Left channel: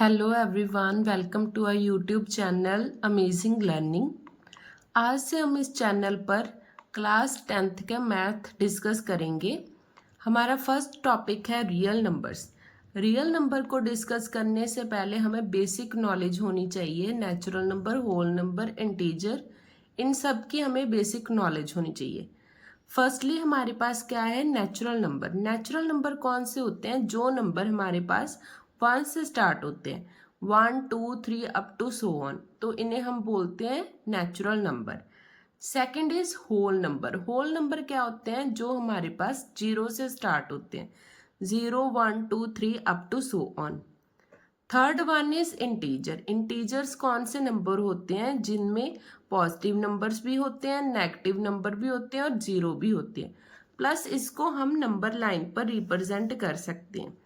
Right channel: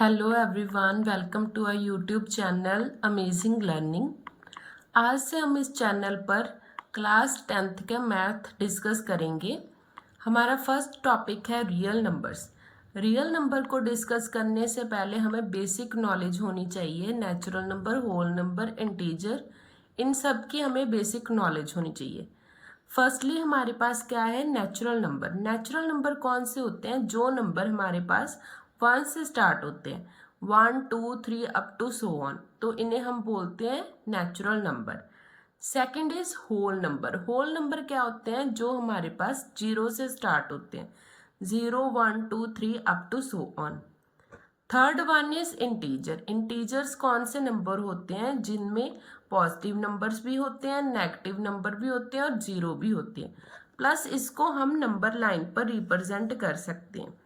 Hello everyone, welcome to our YouTube channel amazing learning. आज से हम इस चैनल पर क्लास 10th के मैथ डिस्कस करेंगे। हमारा फर्स्ट टॉपिक है रियल नंबर्स। रियल नंबर को डिस्कस करने से पहले हमें बेसिक नॉलेज होनी चाहिए। Natural number, whole number, integer, इन सब की हमें बेसिक नॉलेज होनी चाहिए। फर्स्टली हमारे पास क्या है? Natural number. नेचुरल नंबर कौन से होते हैं? जो नंबर हमारे पास 1 से स्टार्ट होते हैं, 1 2 3 अप टू सो ऑन, तो इन्हें हम बोलते हैं natural number. Second is whole number. Whole number क्या होते हैं? जो हमारे पास 0 से स्टार्ट होते हैं, 0 1 2 3 up to so on. Third one is integer. Integers कौन से नंबर होते हैं? जिनमें पॉजिटिव नंबर्स भी होते हैं, नेगेटिव नंबर भी होते हैं और जीरो भी होते हैं। प्लस इसको हम नंबर लाइन पर रिप्रेजेंट कर सकते हैं।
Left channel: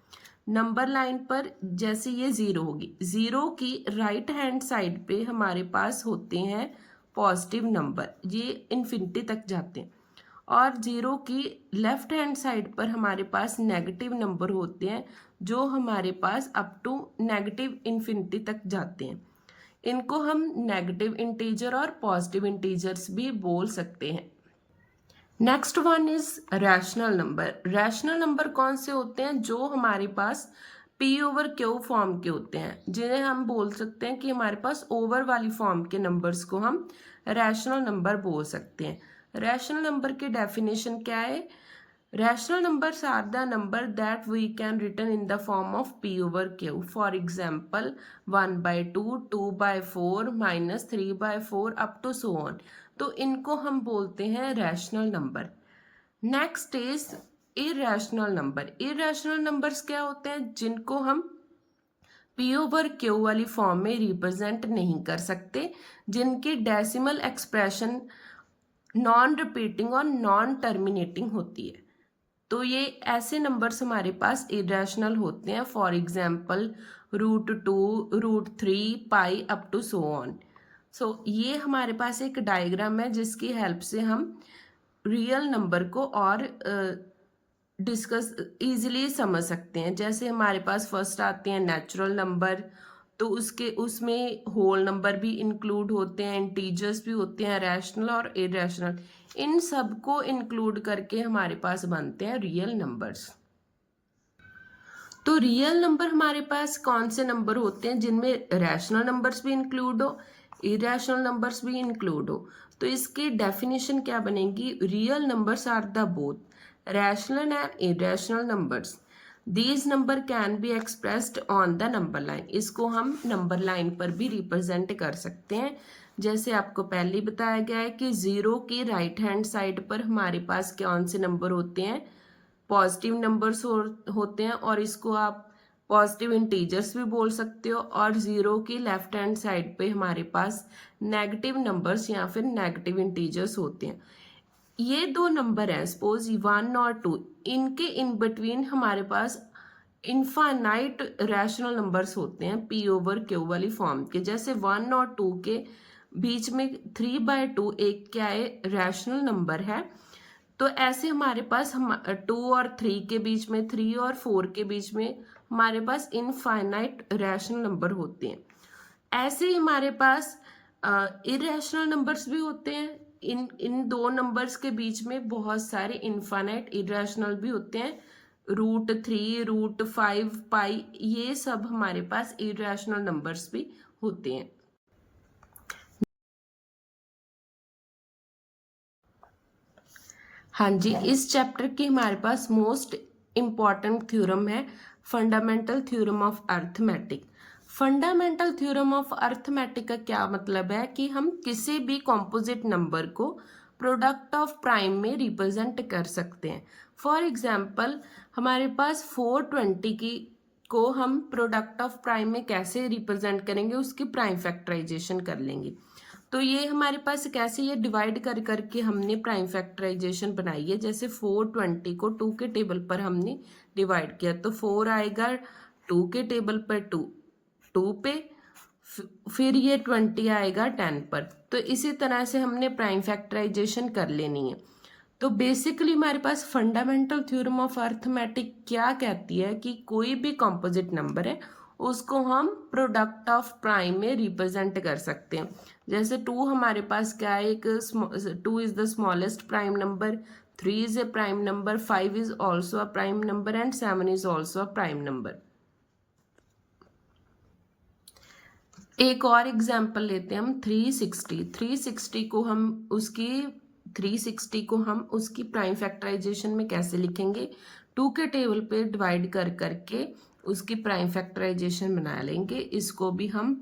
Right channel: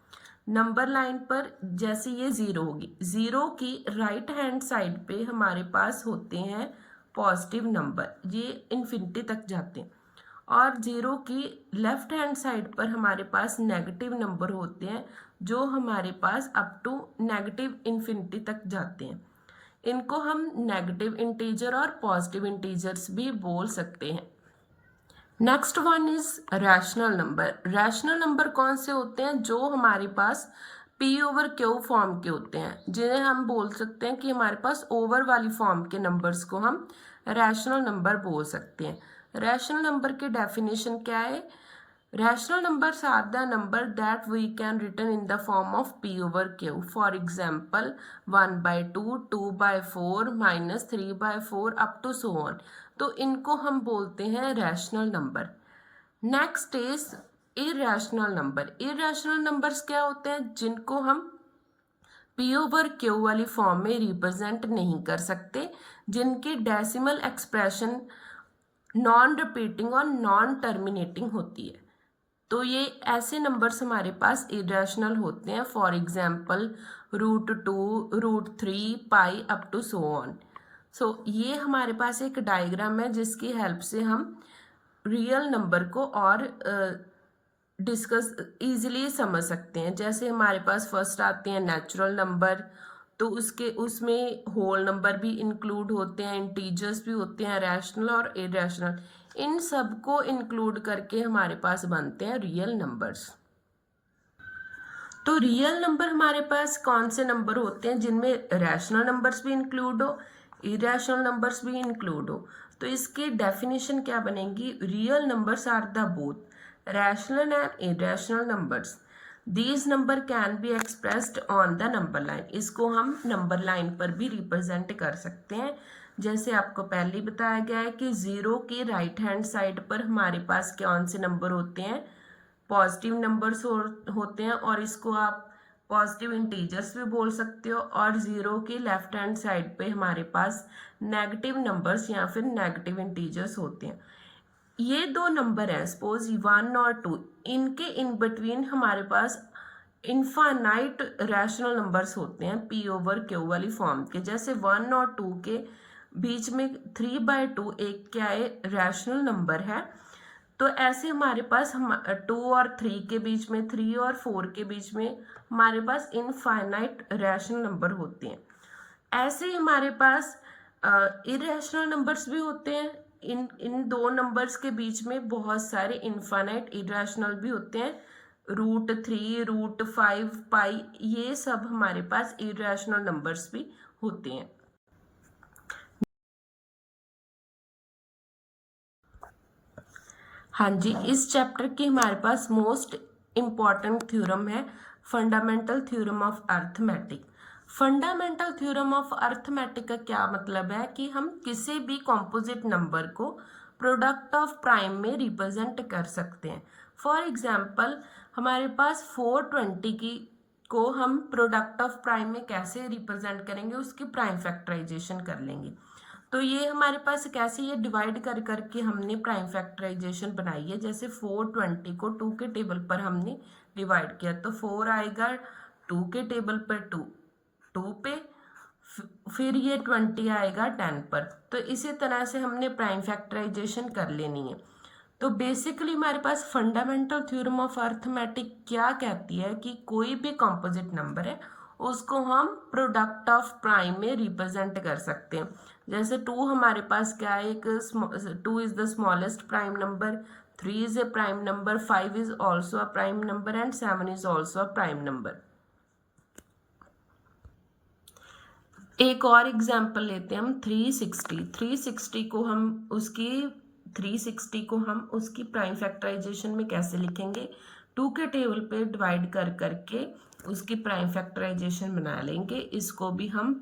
नंबर लाइन पर जैसे ये जीरो होगी, जीरो की राइट हैंड साइड पे हमारे पास होते हैं पॉजिटिव नंबर, ये इन्फिनिटी तक जाते हैं। और जीरो की लेफ्ट हैंड साइड पर हमारे पास नेगेटिव नंबर होते हैं, जो हमारे पास अप टू नेगेटिव इन्फिनिटी तक जाते हैं। इनको हम नेगेटिव इंटीजर और पॉजिटिव इंटीजर्स भी बोल सकते हैं। Next one is rational number. Rational number कौन से होते हैं? जो हमारे पास पी ओवर क्यू फॉर्म के होते हैं, जिन्हें हम बोल सकते हैं कि हमारे पास ओवर वाली फॉर्म के नंबर्स को हम रैशनल नंबर बोल सकते हैं। रैशनल नंबर की डेफिनेशन क्या है? Rational numbers are the number that we can written in the form of P over Q. For example, 1/2, 2/4, -3/4 up to so on. तो इनको हम बोलते हैं rational number. Next is irrational number. Irrational numbers क्या होते हैं? जिनको हम P over Q वाली फॉर्म में रिप्रेजेंट नहीं कर सकते, जिनकी डेसिमल एक्सप्रेशन नॉन रिपीटिंग और नॉन टर्मिनेटिंग होती है। तो ये ऐसे नंबर्स हमारे पास इरेशनल होते हैं। For example √2, √3, pi up to so on. So ये हमारे पास एक डायग्राम है जिसकी हेल्प से हम रियल नंबर को और डिस्कस इजीली समझ सकते हैं। जैसे हमारे पास फर्स्ट आते हैं नेचुरल नंबर, तो उसमें होल नंबर भी इंक्लूड होते हैं, इंटीजर्स भी होते हैं, रैशनल और इरेशनल। इन सब को इंक्लूड करके हमारे पास बनते हैं रियल नंबर्स। तो रियल नंबर हमारे पास कौन से नंबर होते हैं? जिनमें रैशनल नंबर्स भी इंक्लूड हो, इरेशनल नंबर्स भी इंक्लूड हो। तो इसकी डेफिनेशन क्या बनेगी? Real numbers are the both rational and irrational numbers. These number can be expressed on the number line. इसको हम नंबर लाइन पर भी रिप्रेजेंट कर सकते हैं। जैसे आपको पहले ही बताया गया है कि जीरो की राइट हैंड साइड पर हमारे पास कौन से नंबर होते हैं? पॉजिटिव नंबर्स होते हैं, और इसको आप पॉजिटिव इंटीजर्स भी बोल सकते हो। और जीरो की लेफ्ट हैंड साइड पे हमारे पास नेगेटिव नंबर्स या फिर नेगेटिव इंटीजर्स होते हैं। ये दो नंबर हैं, सपोज 1 और 2, इनके इन बिटवीन हमारे पास इनफाइनाइट रैशनल नंबर्स होते हैं पी ओवर क्यू वाली फॉर्म के। जैसे 1 और 2 के बीच में 3/2 एक क्या है? रैशनल नंबर है। तो ऐसे हमारे पास 2 और 3 के बीच में, 3 और 4 के बीच में हमारे पास इनफाइनाइट रैशनल नंबर होते हैं। ऐसे ही हमारे पास इरेशनल नंबर्स भी होते हैं। इन दो नंबर्स के बीच में बहुत सारे इनफाइनाइट इरेशनल भी होते हैं। √3, √5, पाई, ये सब हमारे पास इरेशनल नंबर्स भी होते हैं। हाँ जी, इस चैप्टर की हमारे पास मोस्ट इम्पॉर्टेंट थ्योरम है fundamental theorem of arithmetic. Fundamental theorem of arithmetic का क्या मतलब है? कि हम किसी भी कॉम्पोजिट नंबर को प्रोडक्ट ऑफ प्राइम में रिप्रेजेंट कर सकते हैं। फॉर एग्जाम्पल हमारे पास 420 की को हम प्रोडक्ट ऑफ प्राइम में कैसे रिप्रेजेंट करेंगे? उसकी प्राइम फैक्टराइजेशन कर लेंगे। तो ये हमारे पास कैसे ये डिवाइड कर करके हमने प्राइम फैक्टराइजेशन बनाई है। जैसे 420 को 2 के टेबल पर हमने डिवाइड किया, तो 4 आएगा 2 के टेबल पर, 2 पे, फिर ये 20 आएगा 10 पर। तो इसी तरह से हमने प्राइम फैक्टराइजेशन कर लेनी है। तो बेसिकली हमारे पास फंडामेंटल थ्योरम ऑफ अर्थमेटिक क्या कहती है? कि कोई भी कॉम्पोजिट नंबर है उसको हम प्रोडक्ट ऑफ प्राइम में रिप्रेजेंट कर सकते हैं। जैसे 2 हमारे पास क्या है, एक 2 is the smallest prime number, 3 is a prime number, 5 is also a prime number and 7 is also a prime number. एक और एग्जाम्पल लेते हैं हम 360 को हम उसकी प्राइम फैक्टराइजेशन में कैसे लिखेंगे, 2 के टेबल पे डिवाइड कर करके उसकी प्राइम फैक्टराइजेशन बना लेंगे। इसको भी हम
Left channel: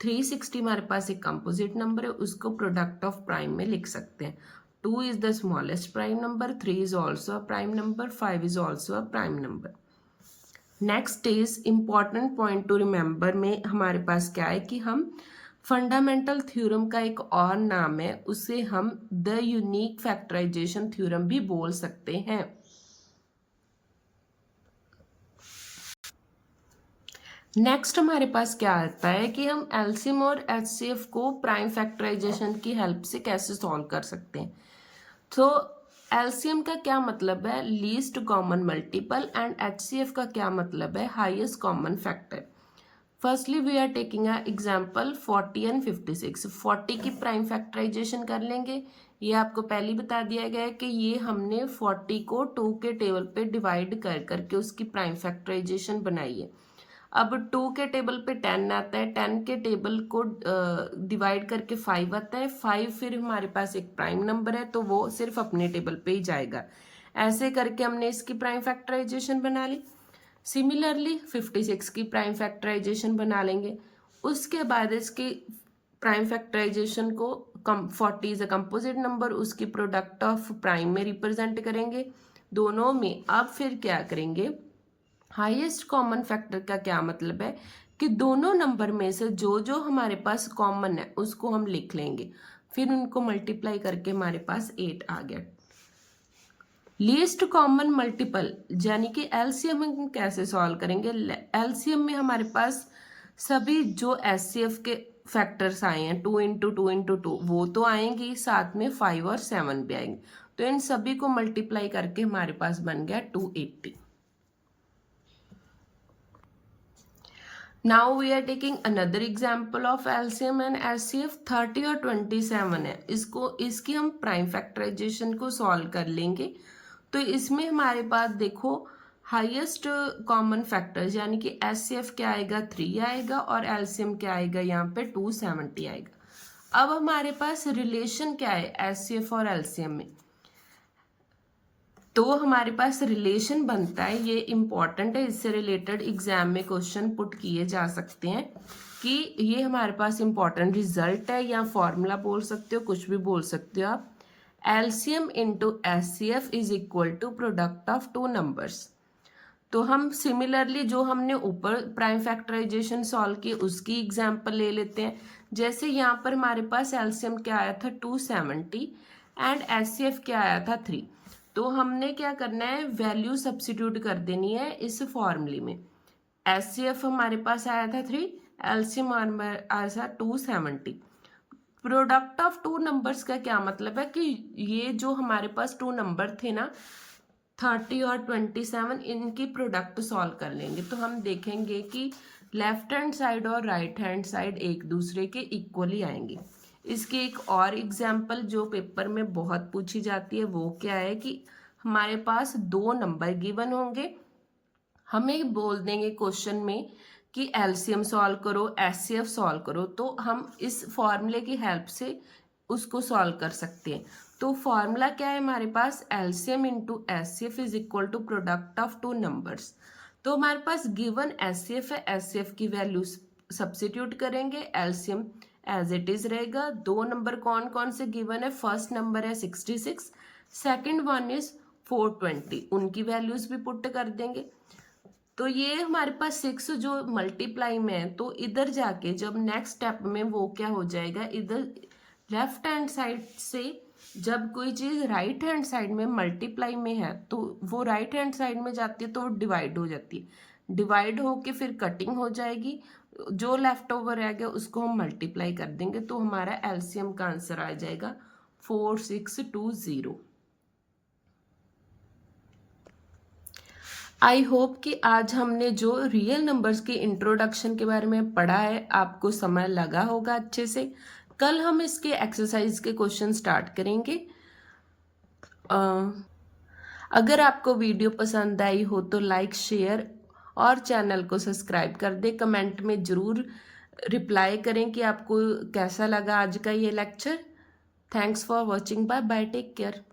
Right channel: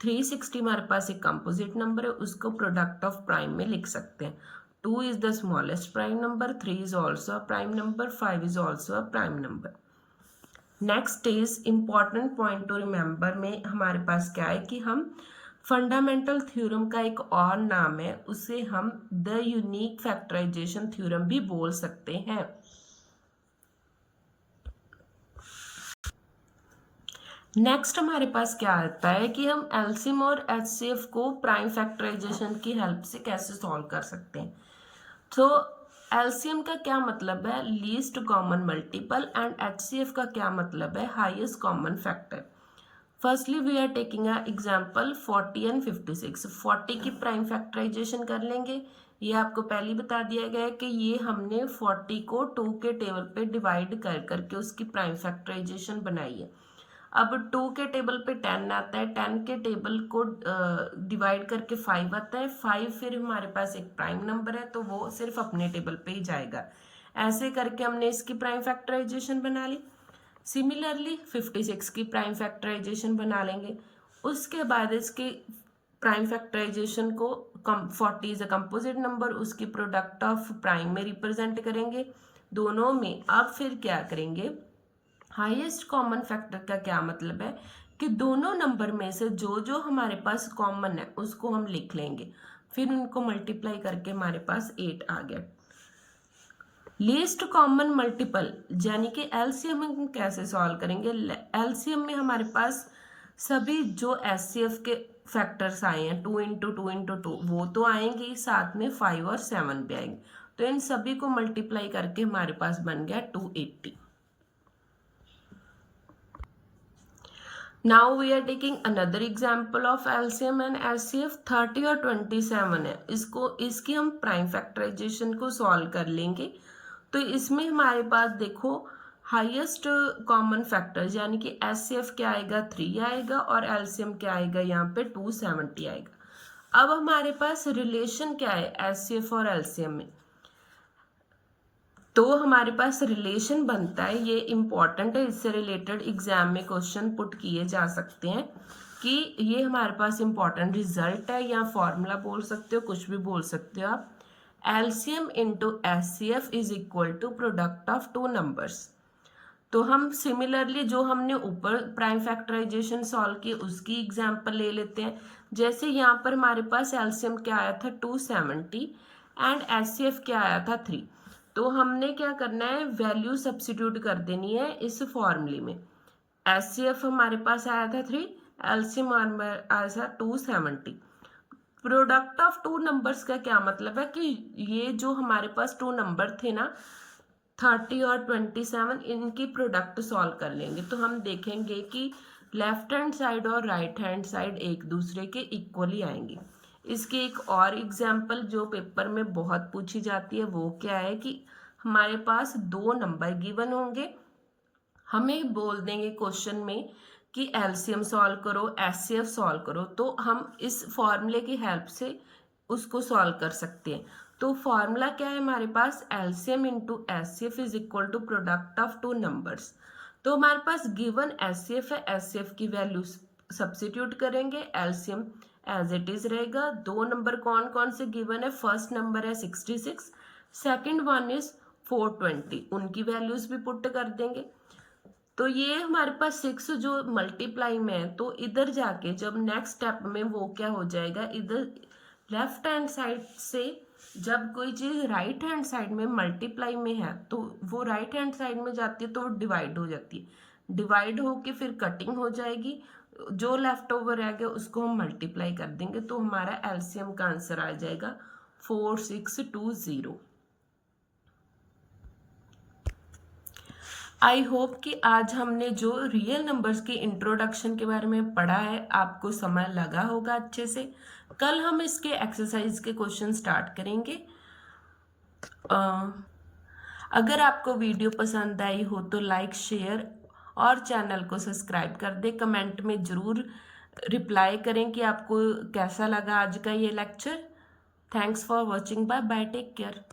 360 हमारे पास एक कंपोजिट नंबर है, उसको प्रोडक्ट ऑफ प्राइम में लिख सकते हैं। 2 is the smallest prime number, 3 is also a prime number, 5 is also a prime number. Next is important point two remember में हमारे पास क्या है कि हम फंडामेंटल थ्योरम का एक और नाम है, उसे हम द यूनिक फैक्टराइजेशन थ्योरम भी बोल सकते हैं। नेक्स्ट हमारे पास क्या आता है कि हम एलसीएम और एचसीएफ को प्राइम फैक्टराइजेशन की हेल्प से कैसे सॉल्व कर सकते हैं। तो एलसीएम का क्या मतलब है, least common multiple, and HCF का क्या मतलब है, highest common factor. Firstly we are taking a example 40 and 56। 40 की प्राइम फैक्टराइजेशन कर लेंगे। ये आपको पहले ही बता दिया गया है कि ये हमने 40 को 2 के टेबल पे डिवाइड कर करके उसकी प्राइम फैक्टराइजेशन बनाई है। अब 2 के टेबल पे 10 आता है, 10 के टेबल को डिवाइड करके 5 आता है, 5 फिर हमारे पास एक प्राइम नंबर है तो वो सिर्फ अपने टेबल पे ही जाएगा। ऐसे करके हमने इसकी प्राइम फैक्टराइजेशन बना ली। सिमिलरली 56 की प्राइम फैक्टराइजेशन बना लेंगे। उसके बाद इसकी प्राइम फैक्टराइजेशन को 40 इज अ कंपोजिट नंबर, उसकी प्रोडक्ट ऑफ प्राइम में रिप्रेजेंट करेंगे दोनों में। अब फिर क्या करेंगे, हाईएस्ट कॉमन फैक्टर का क्या मतलब है कि दोनों नंबर में से जो जो हमारे पास कॉमन है उसको हम लिख लेंगे, फिर उनको मल्टीप्लाई करके हमारे पास 8 आ गया। लीस्ट कॉमन मल्टीपल यानी कि एलसीएम हम कैसे सॉल्व करेंगे। एलसीएम में हमारे पास सभी जो एचसीएफ के फैक्टर्स आए हैं 2 इंटू 2 इंटू 2 वो तो आएंगे, साथ में 5 और 7 भी आएंगे, तो इन सभी को मल्टीप्लाई करके हमारे पास बन गया 280। Now we are taking another example of LCM and HCF. 30 और 27 है, इसकी हम प्राइम फैक्टराइजेशन को सॉल्व कर लेंगे। तो इसमें हमारे पास देखो हाईएस्ट कॉमन फैक्टर्स यानी कि एचसीएफ क्या आएगा 3 आएगा और एलसीएम क्या आएगा यहाँ पे 270 आएगा। अब हमारे पास रिलेशन क्या है एचसीएफ और एलसीएम में, तो हमारे पास रिलेशन बनता है, ये इम्पॉर्टेंट है, इससे रिलेटेड एग्जाम में क्वेश्चन पुट किए जा सकते हैं कि ये हमारे पास इम्पॉर्टेंट रिजल्ट है या फॉर्मूला बोल सकते हो, कुछ भी बोल सकते हो आप। LCM into HCF is equal to product of 2 numbers. तो हम सिमिलरली जो हमने ऊपर प्राइम फैक्टराइजेशन सॉल्व की उसकी एग्जाम्पल ले लेते हैं। जैसे यहाँ पर हमारे पास एलसीएम क्या आया था 270 एंड एचसीएफ क्या आया था 3, तो हमने क्या करना है वैल्यू सब्स्टिट्यूट कर देनी है इस फॉर्मूले में। एचसीएफ हमारे पास आया था 3, एलसीएम आया था 270। प्रोडक्ट ऑफ 2 नंबर्स का क्या मतलब है कि ये जो हमारे पास 2 नंबर थे ना 30 और 27, इनकी प्रोडक्ट सॉल्व कर लेंगे तो हम देखेंगे कि लेफ्ट हैंड साइड और राइट हैंड साइड एक दूसरे के इक्वली आएंगे। इसकी एक और एग्जाम्पल जो पेपर में बहुत पूछी जाती है वो क्या है कि हमारे पास 2 नंबर गिवन होंगे, हमें बोल देंगे क्वेश्चन में कि एलसीएम सॉल्व करो एचसीएफ सॉल्व करो, तो हम इस फॉर्मूले की हेल्प से उसको सॉल्व कर सकते हैं। तो फॉर्मूला क्या है हमारे पास, LCM into HCF is equal to product of 2 numbers. तो हमारे पास गिवन एचसीएफ है, एचसीएफ की वैल्यू सब्स्टिट्यूट करेंगे, एलसीएम एज इट इज रहेगा। 2 नंबर कौन कौन से गिवन है, फर्स्ट नंबर है 66, सेकेंड वन इज 420, उनकी वैल्यूज भी पुट कर देंगे। तो ये हमारे पास 6 जो मल्टीप्लाई में है, तो इधर जाके जब नेक्स्ट स्टेप में वो क्या हो जाएगा, इधर लेफ्ट हैंड साइड से जब कोई चीज़ राइट हैंड साइड में मल्टीप्लाई में है तो वो राइट हैंड साइड में जाती है तो वो डिवाइड हो जाती है, डिवाइड होके फिर कटिंग हो जाएगी, जो लेफ्ट ओवर रह गया उसको हम मल्टीप्लाई कर देंगे तो हमारा एलसीएम का आंसर आ जाएगा 4620। आई होप कि आज हमने जो रियल नंबर्स की इंट्रोडक्शन के बारे में पढ़ा है आपको समझ लगा होगा अच्छे से। कल हम इसके एक्सरसाइज के क्वेश्चन स्टार्ट करेंगे। अगर आपको वीडियो पसंद आई हो तो लाइक शेयर और चैनल को सब्सक्राइब कर दे। कमेंट में ज़रूर रिप्लाई करें कि आपको कैसा लगा आज का ये lecture. Thanks for watching. Bye bye, take care.